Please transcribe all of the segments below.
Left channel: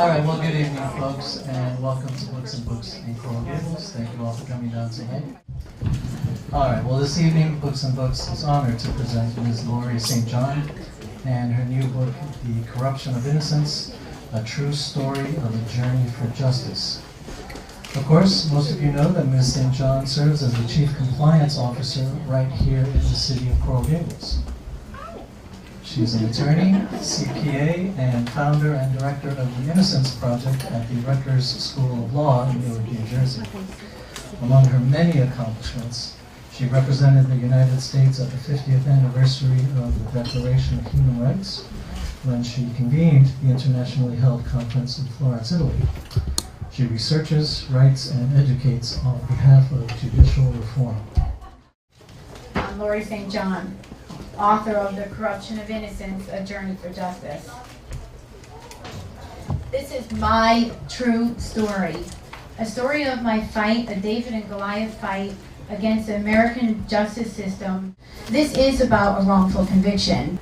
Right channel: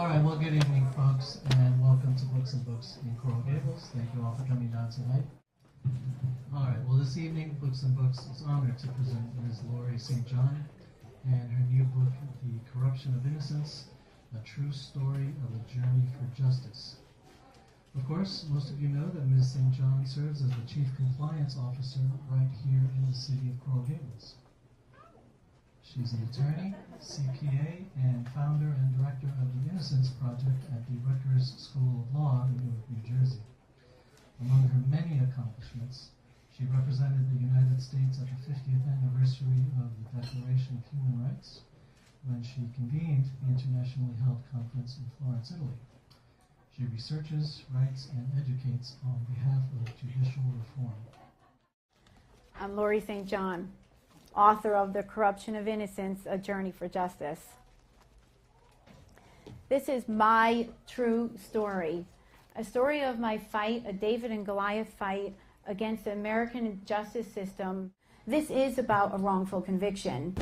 All right, well, good evening, folks, and welcome to Books and Books in Coral Gables. Thank you all for coming down tonight. All right, well, this evening, Books and Books is honored to present Ms. Laurie St. John and her new book, The Corruption of Innocence, A True Story of a Journey for Justice. Of course, most of you know that Ms. St. John serves as the Chief Compliance Officer right here in the city of Coral Gables. She's an attorney, CPA, and founder and director of the Innocence Project at the Rutgers School of Law in Newark, New Jersey. Among her many accomplishments, she represented the United States at the 50th anniversary of the Declaration of Human Rights when she convened the internationally held conference in Florence, Italy. She researches, writes, and educates on behalf of judicial reform. I'm Laurie St. John, author of The Corruption of Innocence, A Journey for Justice. This is my true story, a story of my fight, a David and Goliath fight against the American justice system. This is about a wrongful conviction.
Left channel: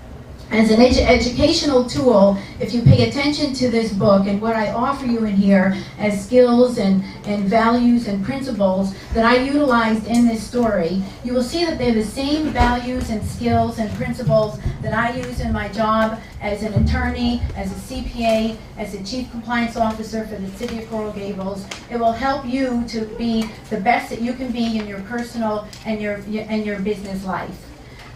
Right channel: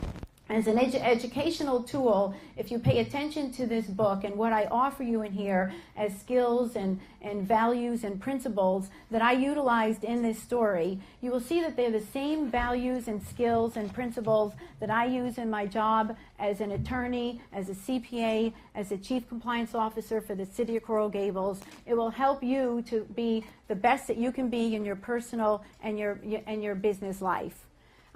As an educational tool, if you pay attention to this book and what I offer you in here as skills and values and principles that I utilized in this story, you will see that they're the same values and skills and principles that I use in my job as an attorney, as a CPA, as a Chief Compliance Officer for the City of Coral Gables. It will help you to be the best that you can be in your personal and your business life.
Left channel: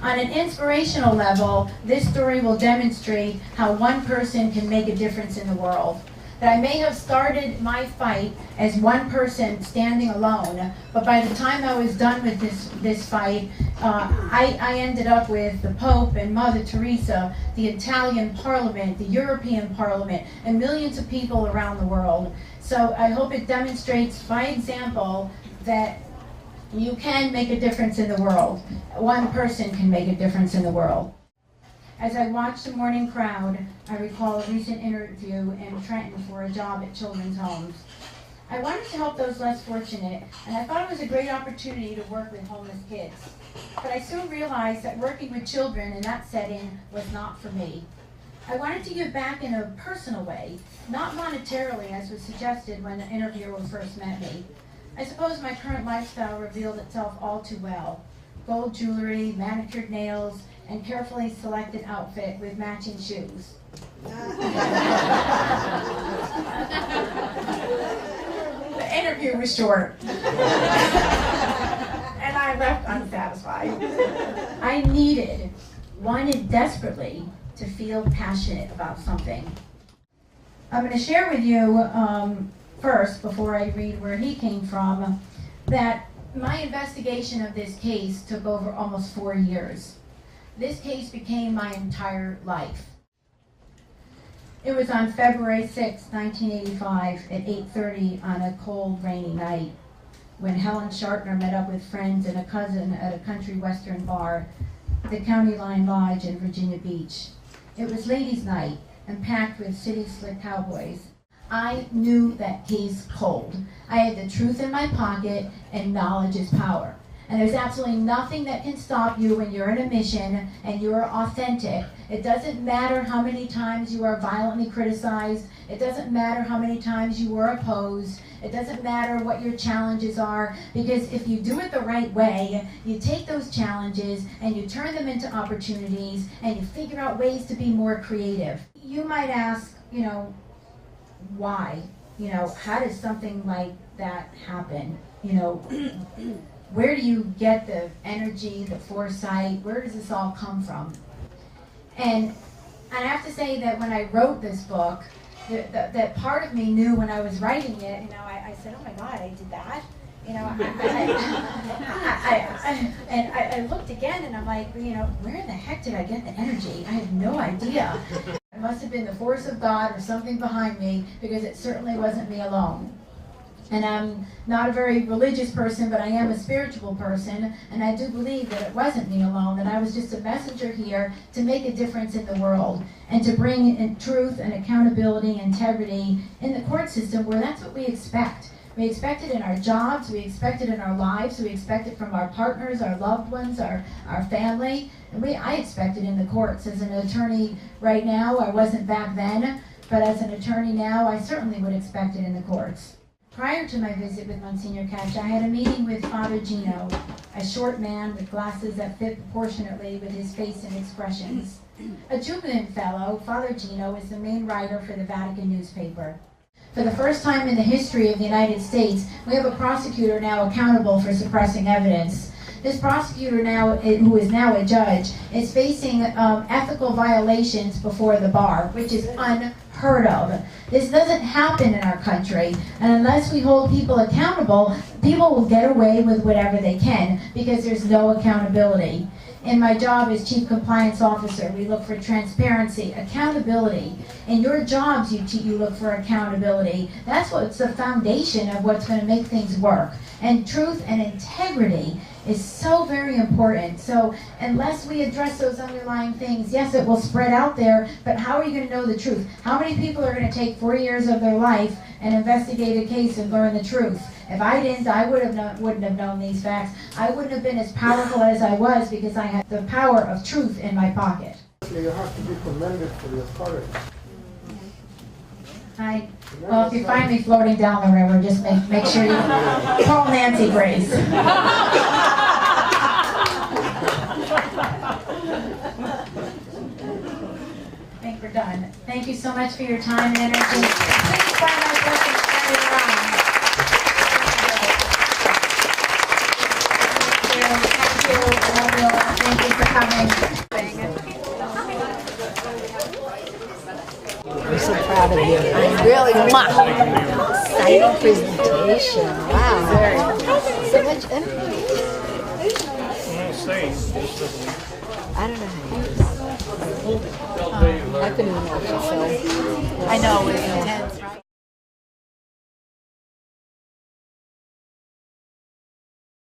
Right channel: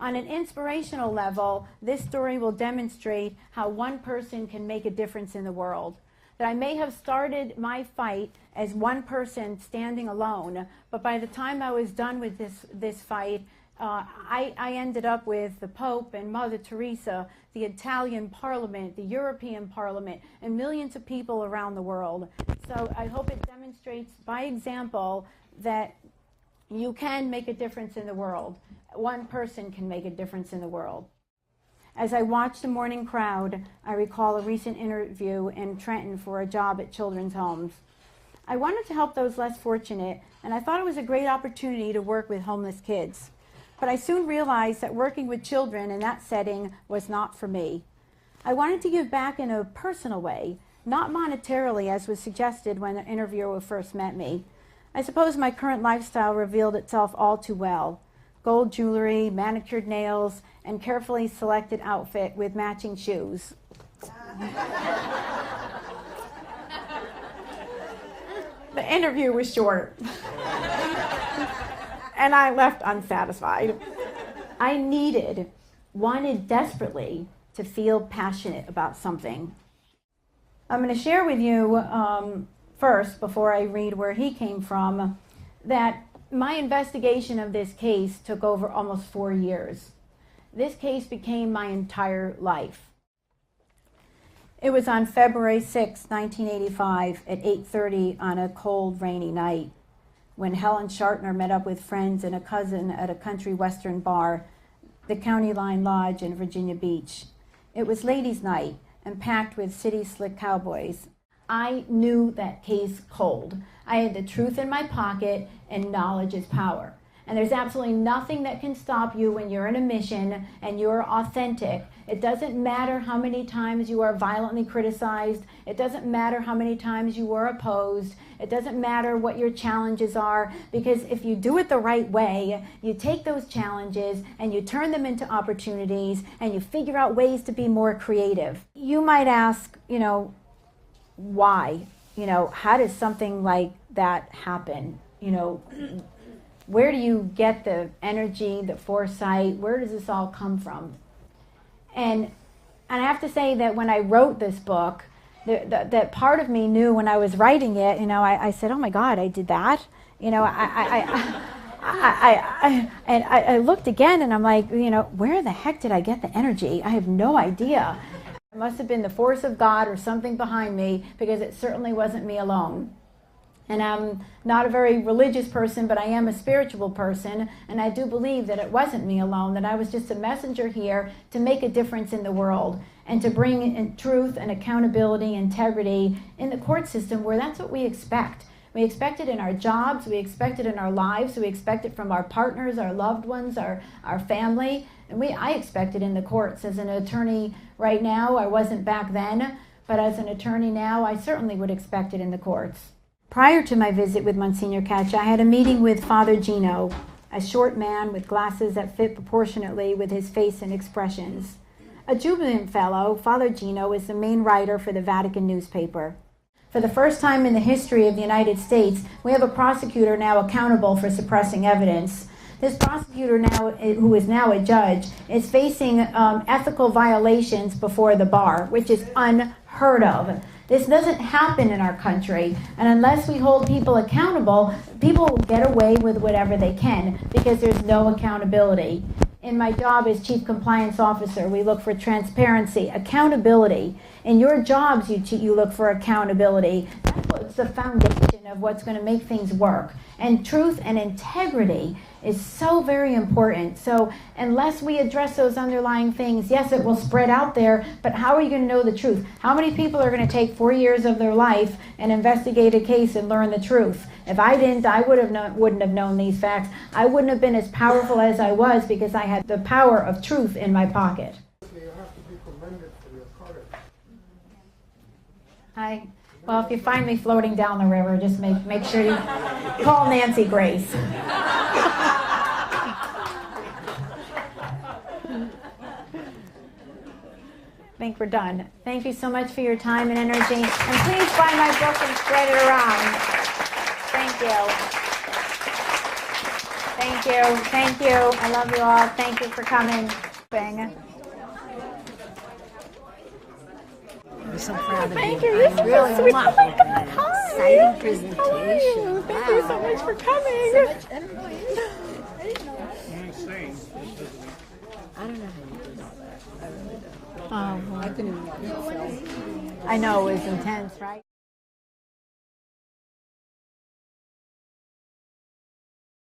On an inspirational level, this story will demonstrate how one person can make a difference in the world. That I may have started my fight as one person standing alone, but by the time I was done with this fight, I ended up with the Pope and Mother Teresa, the Italian Parliament, the European Parliament, and millions of people around the world. So I hope it demonstrates by example that you can make a difference in the world. One person can make a difference in the world. As I watched the morning crowd, I recall a recent interview in Trenton for a job at children's homes. I wanted to help those less fortunate, and I thought it was a great opportunity to work with homeless kids. But I soon realized that working with children in that setting was not for me. I wanted to give back in a personal way, not monetarily as was suggested when the interviewer first met me. I suppose my current lifestyle revealed itself all too well. Gold jewelry, manicured nails, and carefully selected outfit with matching shoes. The interview was short. And I left unsatisfied. I wanted desperately to feel passionate about something. I'm going to share with you first, before I read where he came from, that my investigation of this case took over almost 4 years. This case became my entire life. It was on February 6, 1985 at 8:30 on a cold, rainy night when Helen Shartner met up with friends and a cousin at a country western bar, the County Line Lodge in Virginia Beach. It was ladies' night and packed with city slick cowboys. I knew that case cold. I had the truth in my pocket, and knowledge is power. And there's absolutely nothing that can stop you when you're in a mission and you're authentic. It doesn't matter how many times you are violently criticized. It doesn't matter how many times you were opposed. It doesn't matter what your challenges are, because if you do it the right way, you take those challenges and you turn them into opportunities and you figure out ways to be more creative. You might ask, why? How does something like that happen? Where do you get the energy, the foresight? Where does this all come from? And I have to say that when I wrote this book, that part of me knew when I was writing it, I said, oh my God, I did that. I looked again and I'm like, where the heck did I get the energy? I had no idea. It must have been the force of God or something behind me, because it certainly wasn't me alone. And I'm not a very religious person, but I am a spiritual person, and I do believe that it wasn't me alone, that I was just a messenger here to make a difference in the world and to bring in truth and accountability, integrity in the court system, where that's what we expect. We expect it in our jobs, we expect it in our lives, we expect it from our partners, our loved ones, our family, and I expect it in the courts. As an attorney right now, I wasn't back then, but as an attorney now, I certainly would expect it in the courts. Prior to my visit with Monsignor Catch, I had a meeting with Father Gino, a short man with glasses that fit proportionately with his face and expressions. A jubilant fellow, Father Gino is the main writer for the Vatican newspaper. For the first time in the history of the United States, we have a prosecutor now accountable for suppressing evidence. This prosecutor now, who is now a judge, is facing ethical violations before the bar, which is unheard of. This doesn't happen in our country, and unless we hold people accountable, people will get away with whatever they can because there's no accountability. In my job as Chief Compliance Officer, we look for transparency, accountability. In your jobs, you look for accountability. That's what's the foundation of what's going to make things work. And truth and integrity is so very important. So unless we address those underlying things, yes, it will spread out there, but how are you going to know the truth? How many people are going to take 4 years of their life and investigate a case and learn the truth? If I didn't, I wouldn't have known these facts. I wouldn't have been as powerful as I was because I had the power of truth in my pocket. You have to be commended for your courage. Well, if you find me floating down the river, just make sure you call Nancy Grace. I think we're done. Thank you so much for your time and energy. And please find my book and spread it around. Thank you. Thank you. I love you all. Thank you for coming. I'm so proud of you. Really, exciting presentation. Wow. So much information. I don't know how you do this. I couldn't even watch the show. I know, it's intense.